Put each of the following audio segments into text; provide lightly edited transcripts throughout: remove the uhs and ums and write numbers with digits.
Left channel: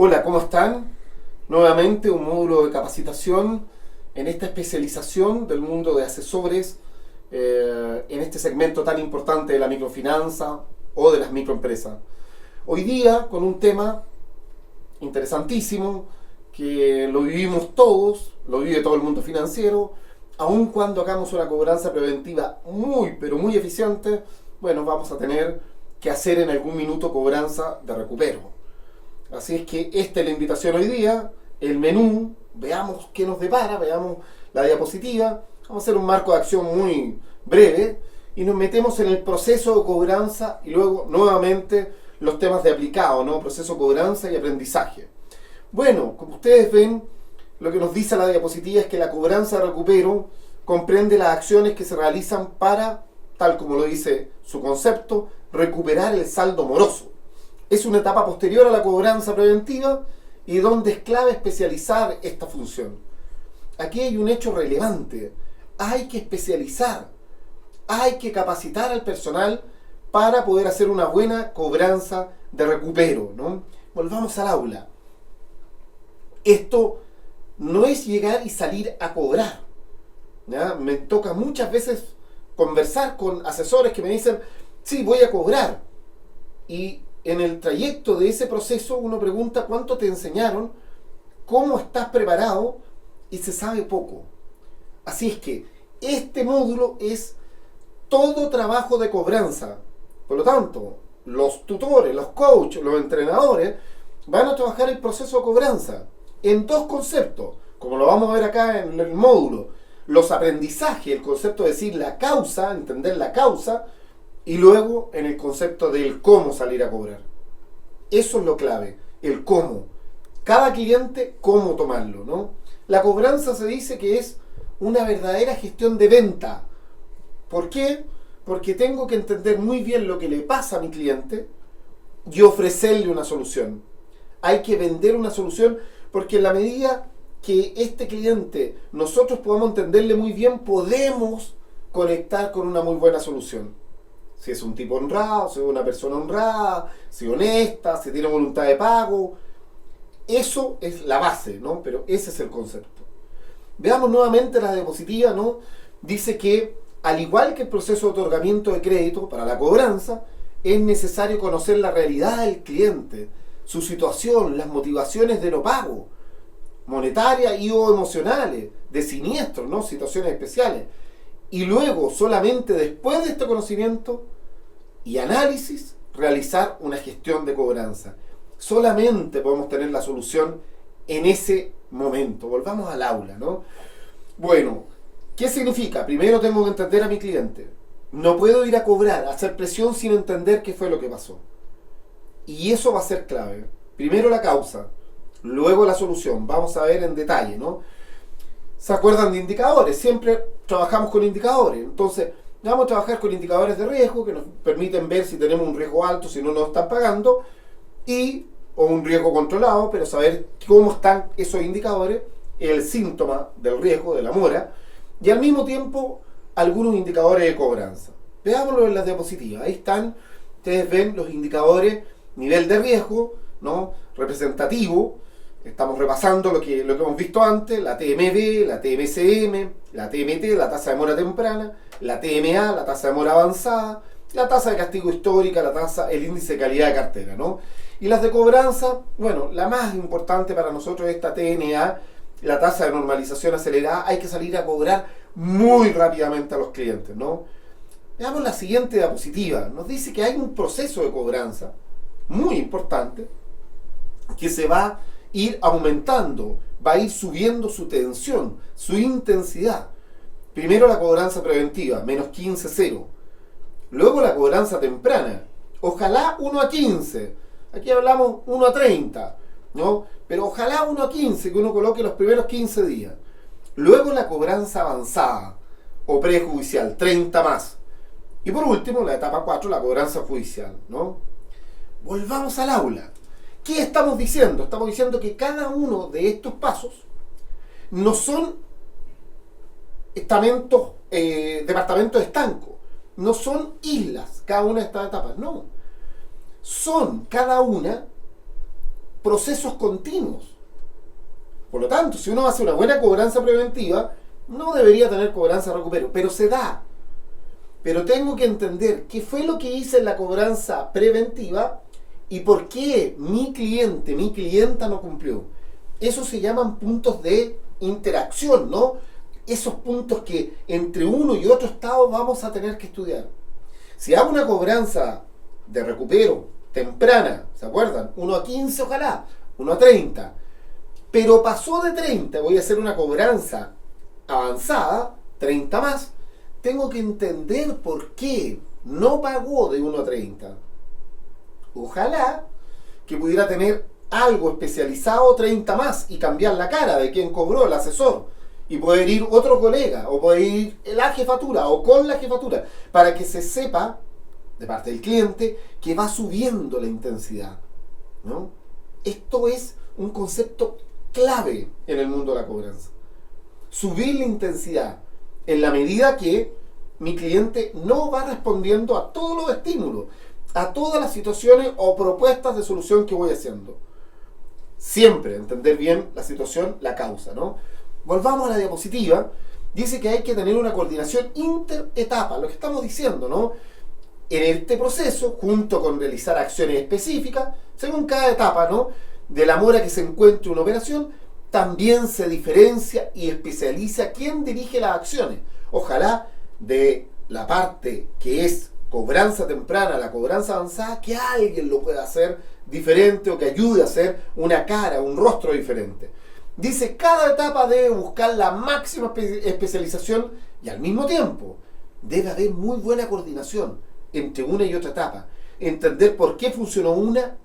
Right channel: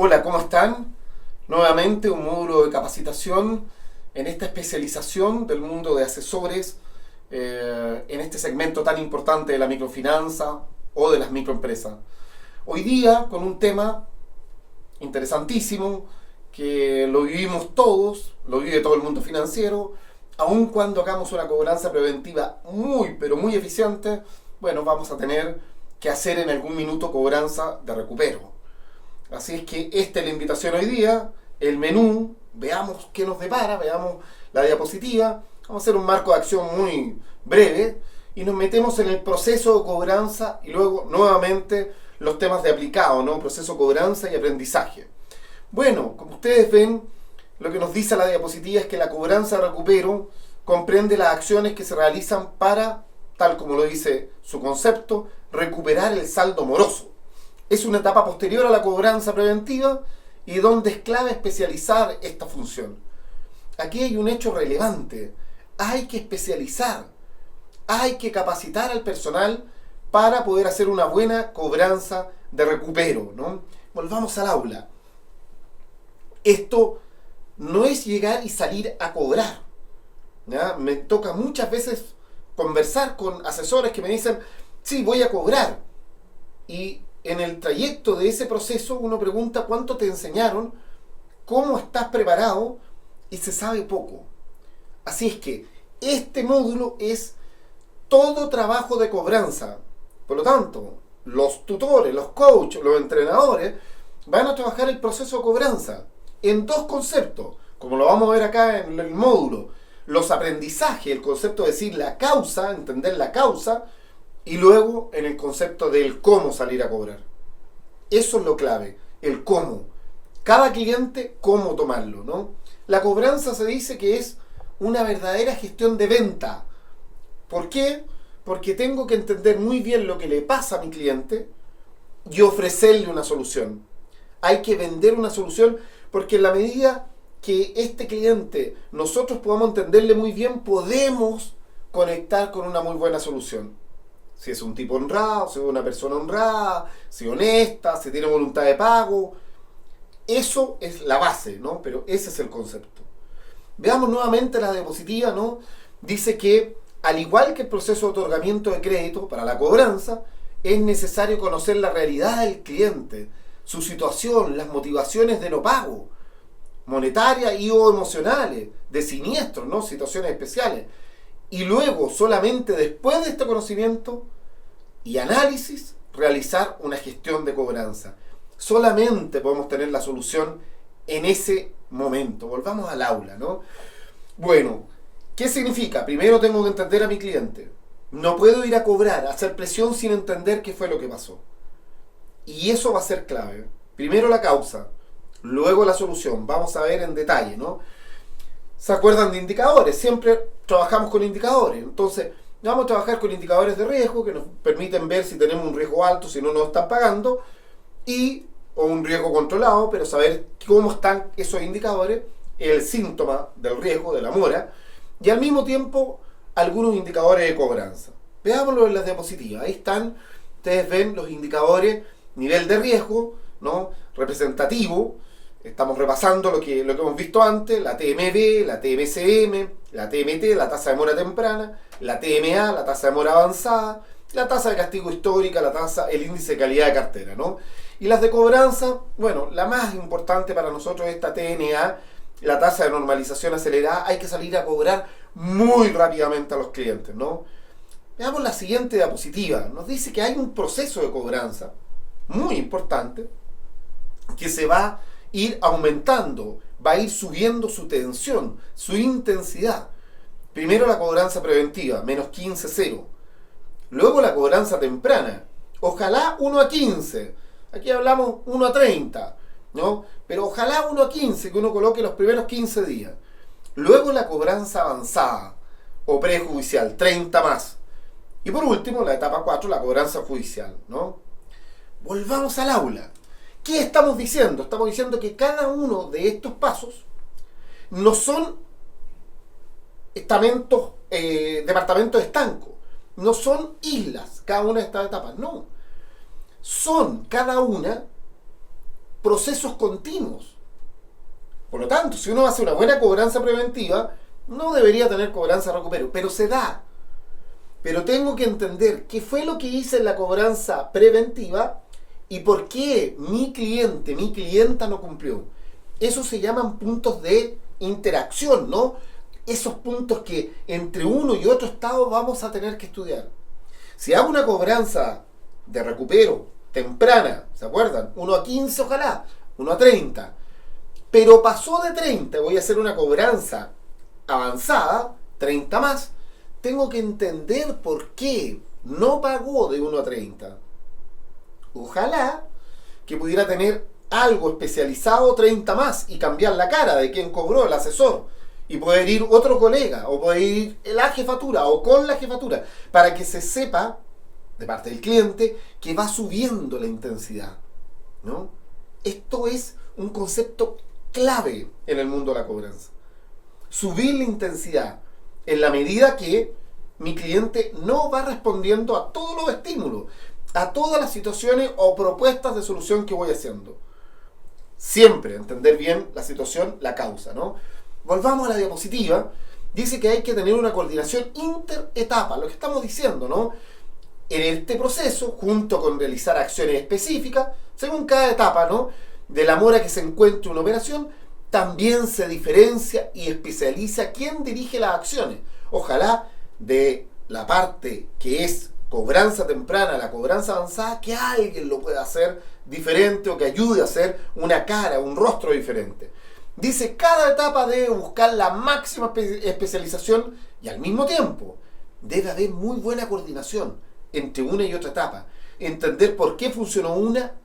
Hola, ¿cómo están? Nuevamente un módulo de capacitación en esta especialización del mundo de asesores en este segmento tan importante de la microfinanza o de las microempresas. Hoy día con un tema interesantísimo que lo vivimos todos, lo vive todo el mundo financiero, aun cuando hagamos una cobranza preventiva muy, pero muy eficiente, bueno, vamos a tener que hacer en algún minuto cobranza de recupero. Así es que esta es la invitación hoy día, el menú, veamos qué nos depara, veamos la diapositiva, vamos a hacer un marco de acción muy breve y nos metemos en el proceso de cobranza y luego nuevamente los temas de aplicado, ¿no? Proceso de cobranza y aprendizaje. Bueno, como ustedes ven, lo que nos dice la diapositiva es que la cobranza de recupero comprende las acciones que se realizan para, tal como lo dice su concepto, recuperar el saldo moroso. Es una etapa posterior a la cobranza preventiva y donde es clave especializar esta función. Aquí hay un hecho relevante. Hay que especializar, hay que capacitar al personal para poder hacer una buena cobranza de recupero, ¿no? Volvamos al aula. Esto no es llegar y salir a cobrar, ¿ya? Me toca muchas veces conversar con asesores que me dicen, sí, voy a cobrar. Y en el trayecto de ese proceso uno pregunta cuánto te enseñaron, cómo estás preparado y se sabe poco. Así es que este módulo es todo trabajo de cobranza. Por lo tanto, los tutores, los coaches, los entrenadores van a trabajar el proceso de cobranza en dos conceptos, como lo vamos a ver acá en el módulo. Los aprendizajes, el concepto de decir la causa, entender la causa, y luego en el concepto del cómo salir a cobrar. Eso es lo clave, el cómo. Cada cliente, cómo tomarlo, ¿no? La cobranza se dice que es una verdadera gestión de venta. ¿Por qué? Porque tengo que entender muy bien lo que le pasa a mi cliente y ofrecerle una solución. Hay que vender una solución porque en la medida que este cliente nosotros podamos entenderle muy bien, podemos conectar con una muy buena solución. Si es un tipo honrado, si es una persona honrada, si es honesta, si tiene voluntad de pago. Eso es la base, ¿no? Pero ese es el concepto. Veamos nuevamente la diapositiva, ¿no? Dice que, al igual que el proceso de otorgamiento de crédito para la cobranza, es necesario conocer la realidad del cliente, su situación, las motivaciones de no pago, monetarias y o emocionales, de siniestros, ¿no? Situaciones especiales. Y luego, solamente después de este conocimiento y análisis, realizar una gestión de cobranza. Solamente podemos tener la solución en ese momento. Volvamos al aula, ¿no? Bueno, ¿qué significa? Primero tengo que entender a mi cliente. No puedo ir a cobrar, a hacer presión sin entender qué fue lo que pasó. Y eso va a ser clave. Primero la causa, luego la solución. Vamos a ver en detalle, ¿no? ¿Se acuerdan de indicadores? Siempre trabajamos con indicadores. Entonces, vamos a trabajar con indicadores de riesgo que nos permiten ver si tenemos un riesgo alto, si no nos están pagando, o un riesgo controlado, pero saber cómo están esos indicadores, el síntoma del riesgo, de la mora, y al mismo tiempo algunos indicadores de cobranza. Veámoslo en las diapositivas. Ahí están, ustedes ven los indicadores, nivel de riesgo, ¿no? Representativo. Estamos repasando lo que hemos visto antes, la TMB, la TMCM, la TMT, la tasa de mora temprana, la TMA, la tasa de mora avanzada, la tasa de castigo histórica, el índice de calidad de cartera, ¿no? Y las de cobranza, bueno, la más importante para nosotros es esta TNA, la tasa de normalización acelerada. Hay que salir a cobrar muy rápidamente a los clientes, ¿no? Veamos la siguiente diapositiva. Nos dice que hay un proceso de cobranza muy importante que se va a ir aumentando, va a ir subiendo su tensión, su intensidad. Primero la cobranza preventiva, menos 15,0. Luego la cobranza temprana, ojalá 1 a 15. Aquí hablamos 1 a 30, ¿no? Pero ojalá 1 a 15, que uno coloque los primeros 15 días. Luego la cobranza avanzada o prejudicial, 30 más. Y por último, la etapa 4, la cobranza judicial, ¿no? Volvamos al aula. ¿Qué estamos diciendo? Estamos diciendo que cada uno de estos pasos no son departamentos estancos, no son islas cada una de estas etapas, no. Son cada una procesos continuos. Por lo tanto, si uno hace una buena cobranza preventiva, no debería tener cobranza recupero, pero se da. Pero tengo que entender qué fue lo que hice en la cobranza preventiva y por qué mi cliente, mi clienta no cumplió. Eso se llaman puntos de interacción, ¿no? Esos puntos que entre uno y otro estado vamos a tener que estudiar. Si hago una cobranza de recupero temprana, ¿se acuerdan? 1 a 15 ojalá, 1 a 30. Pero pasó de 30, voy a hacer una cobranza avanzada, 30 más, tengo que entender por qué no pagó de 1 a 30. Ojalá que pudiera tener algo especializado 30 más y cambiar la cara de quien cobró, el asesor, y poder ir otro colega, o poder ir la jefatura, o con la jefatura, para que se sepa, de parte del cliente, que va subiendo la intensidad, ¿no? Esto es un concepto clave en el mundo de la cobranza. Subir la intensidad en la medida que mi cliente no va respondiendo a todos los estímulos, a todas las situaciones o propuestas de solución que voy haciendo. Siempre entender bien la situación, la causa, ¿no? Volvamos a la diapositiva. Dice que hay que tener una coordinación interetapa, lo que estamos diciendo, ¿no? En este proceso, junto con realizar acciones específicas, según cada etapa, ¿no?, de la mora que se encuentre una operación, también se diferencia y especializa quién dirige las acciones. Ojalá de la parte que es cobranza temprana a la cobranza avanzada, que alguien lo pueda hacer diferente o que ayude a hacer una cara, un rostro diferente. Dice, cada etapa debe buscar la máxima especialización y al mismo tiempo debe haber muy buena coordinación entre una y otra etapa. Entender por qué funcionó una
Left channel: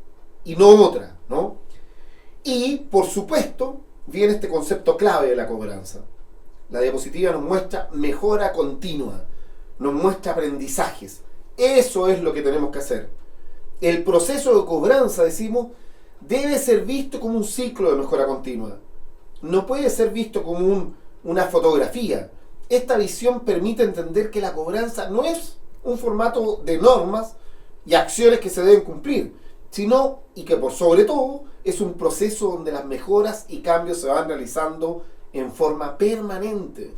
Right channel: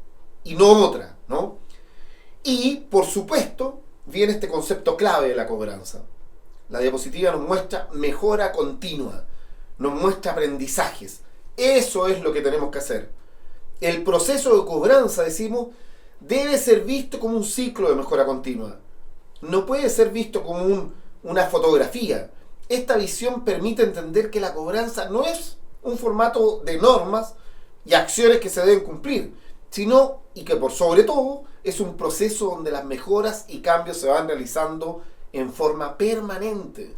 y no otra, ¿no? Y, por supuesto, viene este concepto clave de la cobranza. La diapositiva nos muestra mejora continua, nos muestra aprendizajes. Eso es lo que tenemos que hacer. El proceso de cobranza, decimos, debe ser visto como un ciclo de mejora continua. No puede ser visto como una fotografía. Esta visión permite entender que la cobranza no es un formato de normas y acciones que se deben cumplir, sino, y que por sobre todo, es un proceso donde las mejoras y cambios se van realizando en forma permanente.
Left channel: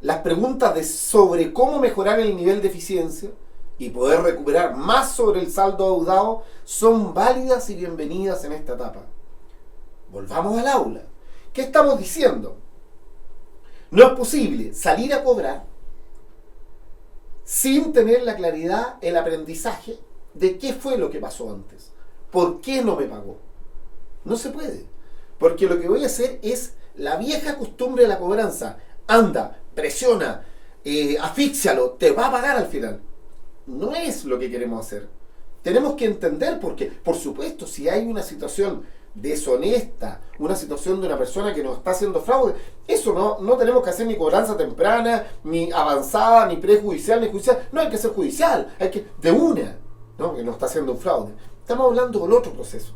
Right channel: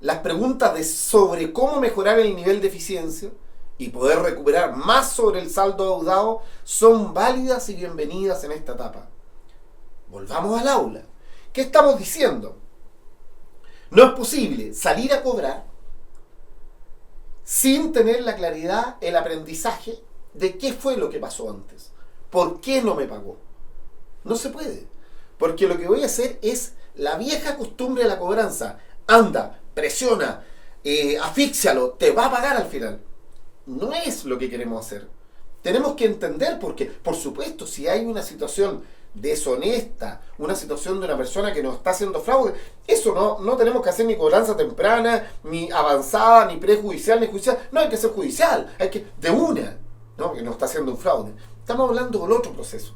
Las preguntas sobre cómo mejorar el nivel de eficiencia y poder recuperar más sobre el saldo adeudado son válidas y bienvenidas en esta etapa. Volvamos al aula. ¿Qué estamos diciendo? No es posible salir a cobrar sin tener la claridad, el aprendizaje de qué fue lo que pasó antes. ¿Por qué no me pagó? No se puede. Porque lo que voy a hacer es la vieja costumbre de la cobranza. Anda, presiona, asfíxialo, te va a pagar al final. No es lo que queremos hacer. Tenemos que entender porque, por supuesto, si hay una situación deshonesta, una situación de una persona que nos está haciendo fraude, eso no tenemos que hacer ni cobranza temprana, ni avanzada, ni prejudicial, ni judicial. No hay que ser judicial, hay que de una, ¿no?, que nos está haciendo un fraude. Estamos hablando del otro proceso.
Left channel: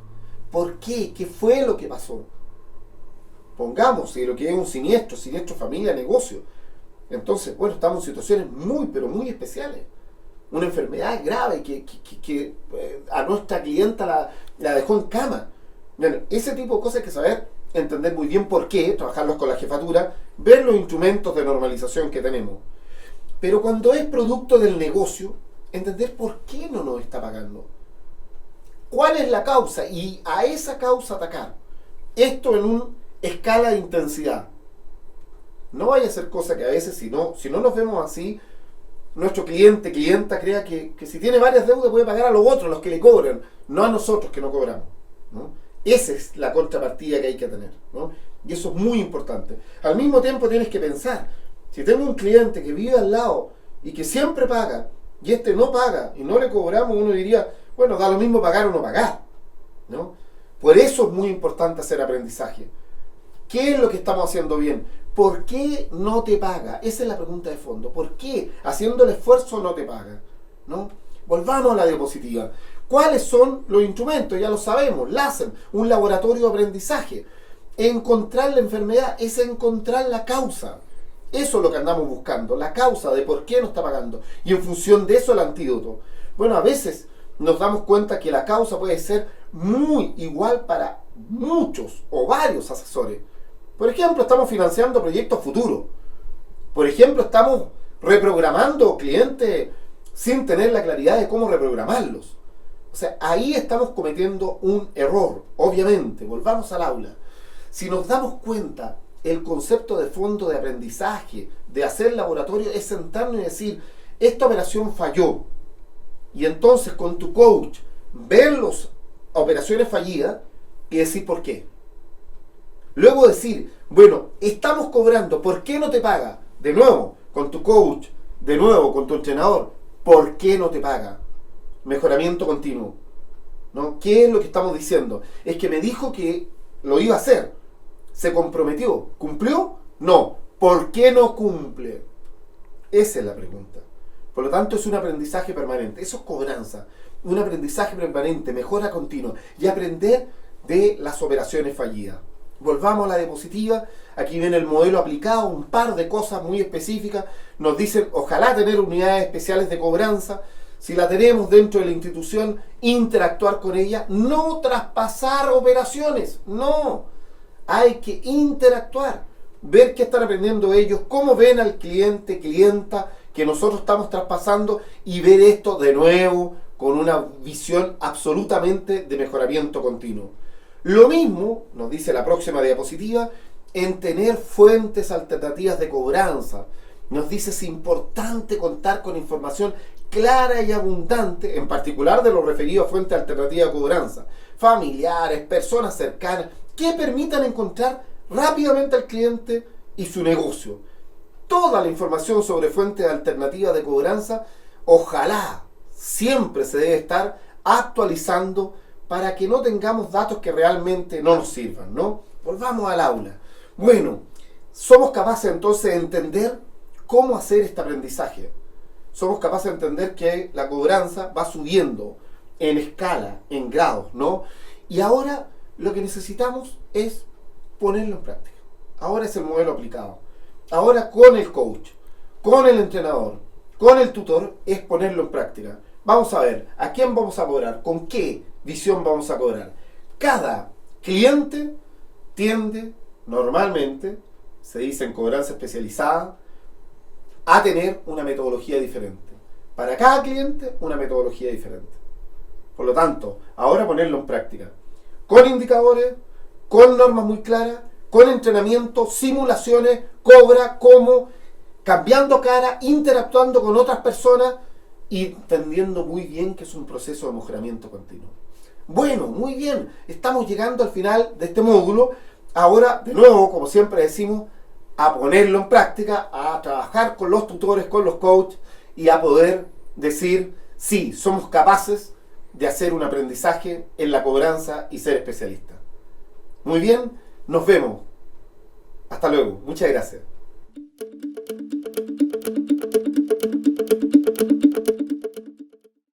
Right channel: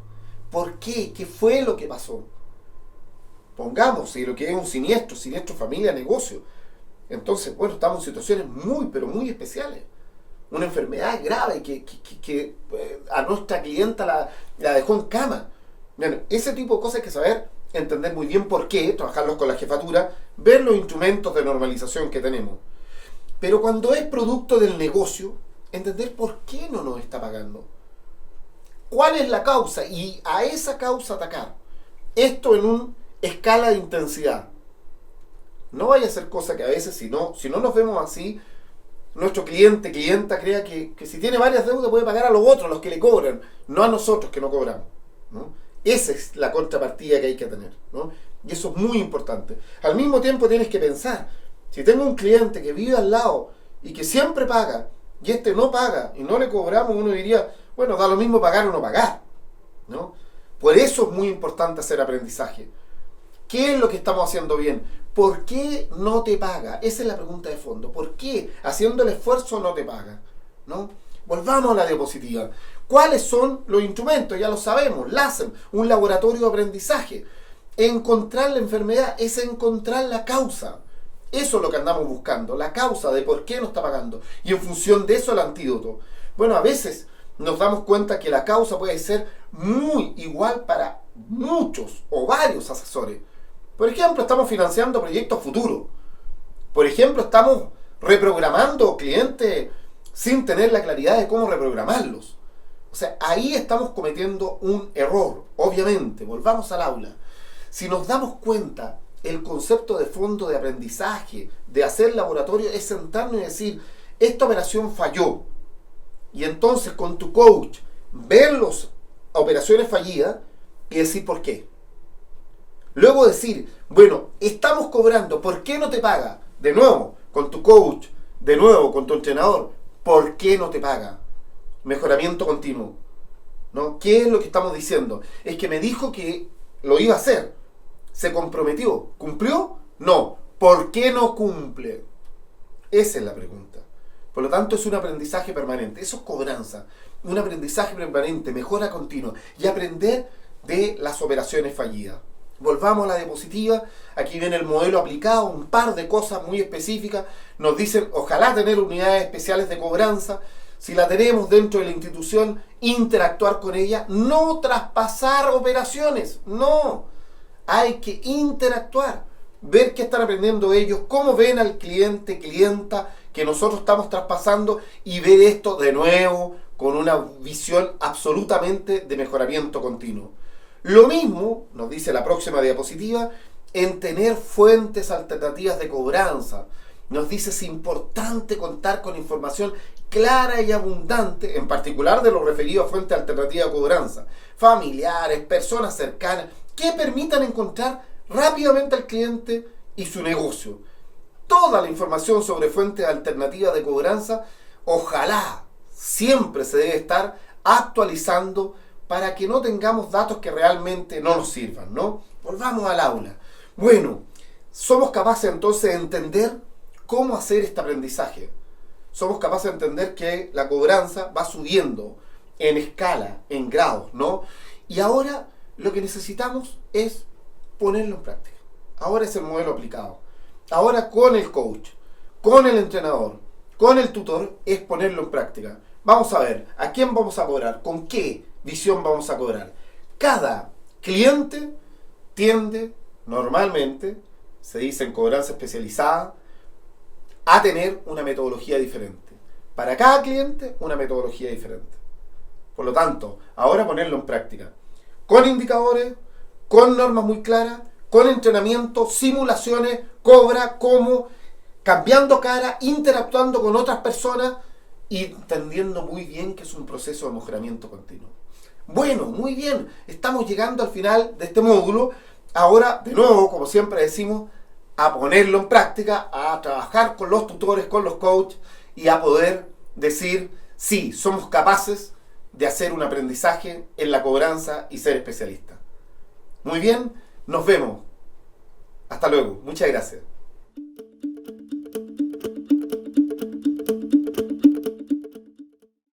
¿Por qué? ¿Qué fue lo que pasó? Pongamos, si lo que es un siniestro familia, negocio. Entonces, bueno, estamos en situaciones muy, pero muy especiales. Una enfermedad grave que a nuestra clienta la dejó en cama. Bueno, ese tipo de cosas hay que saber, entender muy bien por qué, trabajarlos con la jefatura, ver los instrumentos de normalización que tenemos. Pero cuando es producto del negocio, entender por qué no nos está pagando. ¿Cuál es la causa? Y a esa causa atacar. Esto en una escala de intensidad. No vaya a ser cosa que a veces, si no nos vemos así, nuestro clienta crea que si tiene varias deudas puede pagar a los otros, los que le cobran, no a nosotros que no cobramos, ¿no? Esa es la contrapartida que hay que tener, ¿no? Y eso es muy importante. Al mismo tiempo tienes que pensar, si tengo un cliente que vive al lado y que siempre paga, y este no paga y no le cobramos, uno diría, bueno, da lo mismo pagar o no pagar, ¿no? Por eso es muy importante hacer aprendizaje. ¿Qué es lo que estamos haciendo bien? ¿Por qué no te paga? Esa es la pregunta de fondo. ¿Por qué haciendo el esfuerzo no te paga? ¿No? Volvamos a la diapositiva. ¿Cuáles son los instrumentos? Ya lo sabemos. LACEN, un laboratorio de aprendizaje. Encontrar la enfermedad es encontrar la causa. Eso es lo que andamos buscando. La causa de por qué no está pagando. Y en función de eso el antídoto. Bueno, a veces nos damos cuenta que la causa puede ser muy igual para muchos o varios asesores. Por ejemplo, estamos financiando proyectos futuros. Por ejemplo, estamos reprogramando clientes sin tener la claridad de cómo reprogramarlos. O sea, ahí estamos cometiendo un error. Obviamente, volvamos al aula. Si nos damos cuenta, el concepto de fondo de aprendizaje, de hacer laboratorio, es sentarnos y decir, esta operación falló. Y entonces con tu coach, ver las operaciones fallidas y decir por qué. Luego decir, bueno, estamos cobrando, ¿por qué no te paga? De nuevo, con tu coach, de nuevo, con tu entrenador, ¿por qué no te paga? Mejoramiento continuo, ¿no? ¿Qué es lo que estamos diciendo? Es que me dijo que lo iba a hacer, se comprometió, ¿cumplió? No. ¿Por qué no cumple? Esa es la pregunta. Por lo tanto, es un aprendizaje permanente, eso es cobranza, un aprendizaje permanente, mejora continua y aprender de las operaciones fallidas. Volvamos a la diapositiva, aquí viene el modelo aplicado, un par de cosas muy específicas, nos dicen ojalá tener unidades especiales de cobranza, si la tenemos dentro de la institución, interactuar con ella, no traspasar operaciones, no, hay que interactuar, ver qué están aprendiendo ellos, cómo ven al cliente, clienta que nosotros estamos traspasando y ver esto de nuevo con una visión absolutamente de mejoramiento continuo. Lo mismo, nos dice la próxima diapositiva, en tener fuentes alternativas de cobranza. Nos dice es importante contar con información clara y abundante, en particular de lo referido a fuentes alternativas de cobranza, familiares, personas cercanas, que permitan encontrar rápidamente al cliente y su negocio. Toda la información sobre fuentes alternativas de cobranza, ojalá siempre se debe estar actualizando para que no tengamos datos que realmente no nos sirvan, ¿no? Volvamos al aula. Bueno, somos capaces entonces de entender cómo hacer este aprendizaje. Somos capaces de entender que la cobranza va subiendo en escala, en grados, ¿no? Y ahora lo que necesitamos es ponerlo en práctica. Ahora es el modelo aplicado. Ahora con el coach, con el entrenador, con el tutor, es ponerlo en práctica. Vamos a ver, ¿a quién vamos a cobrar? ¿Con qué visión vamos a cobrar? Cada cliente tiende, normalmente, se dice en cobranza especializada, a tener una metodología diferente. Para cada cliente, una metodología diferente. Por lo tanto, ahora ponerlo en práctica. Con indicadores, con normas muy claras, con entrenamiento, simulaciones, cobra, cómo, cambiando cara, interactuando con otras personas y entendiendo muy bien que es un proceso de mejoramiento continuo. Bueno, muy bien, estamos llegando al final de este módulo. Ahora, de nuevo, como siempre decimos, a ponerlo en práctica, a trabajar con los tutores, con los coaches y a poder decir, sí, somos capaces de hacer un aprendizaje en la cobranza y ser especialistas. Muy bien, nos vemos. Hasta luego. Muchas gracias.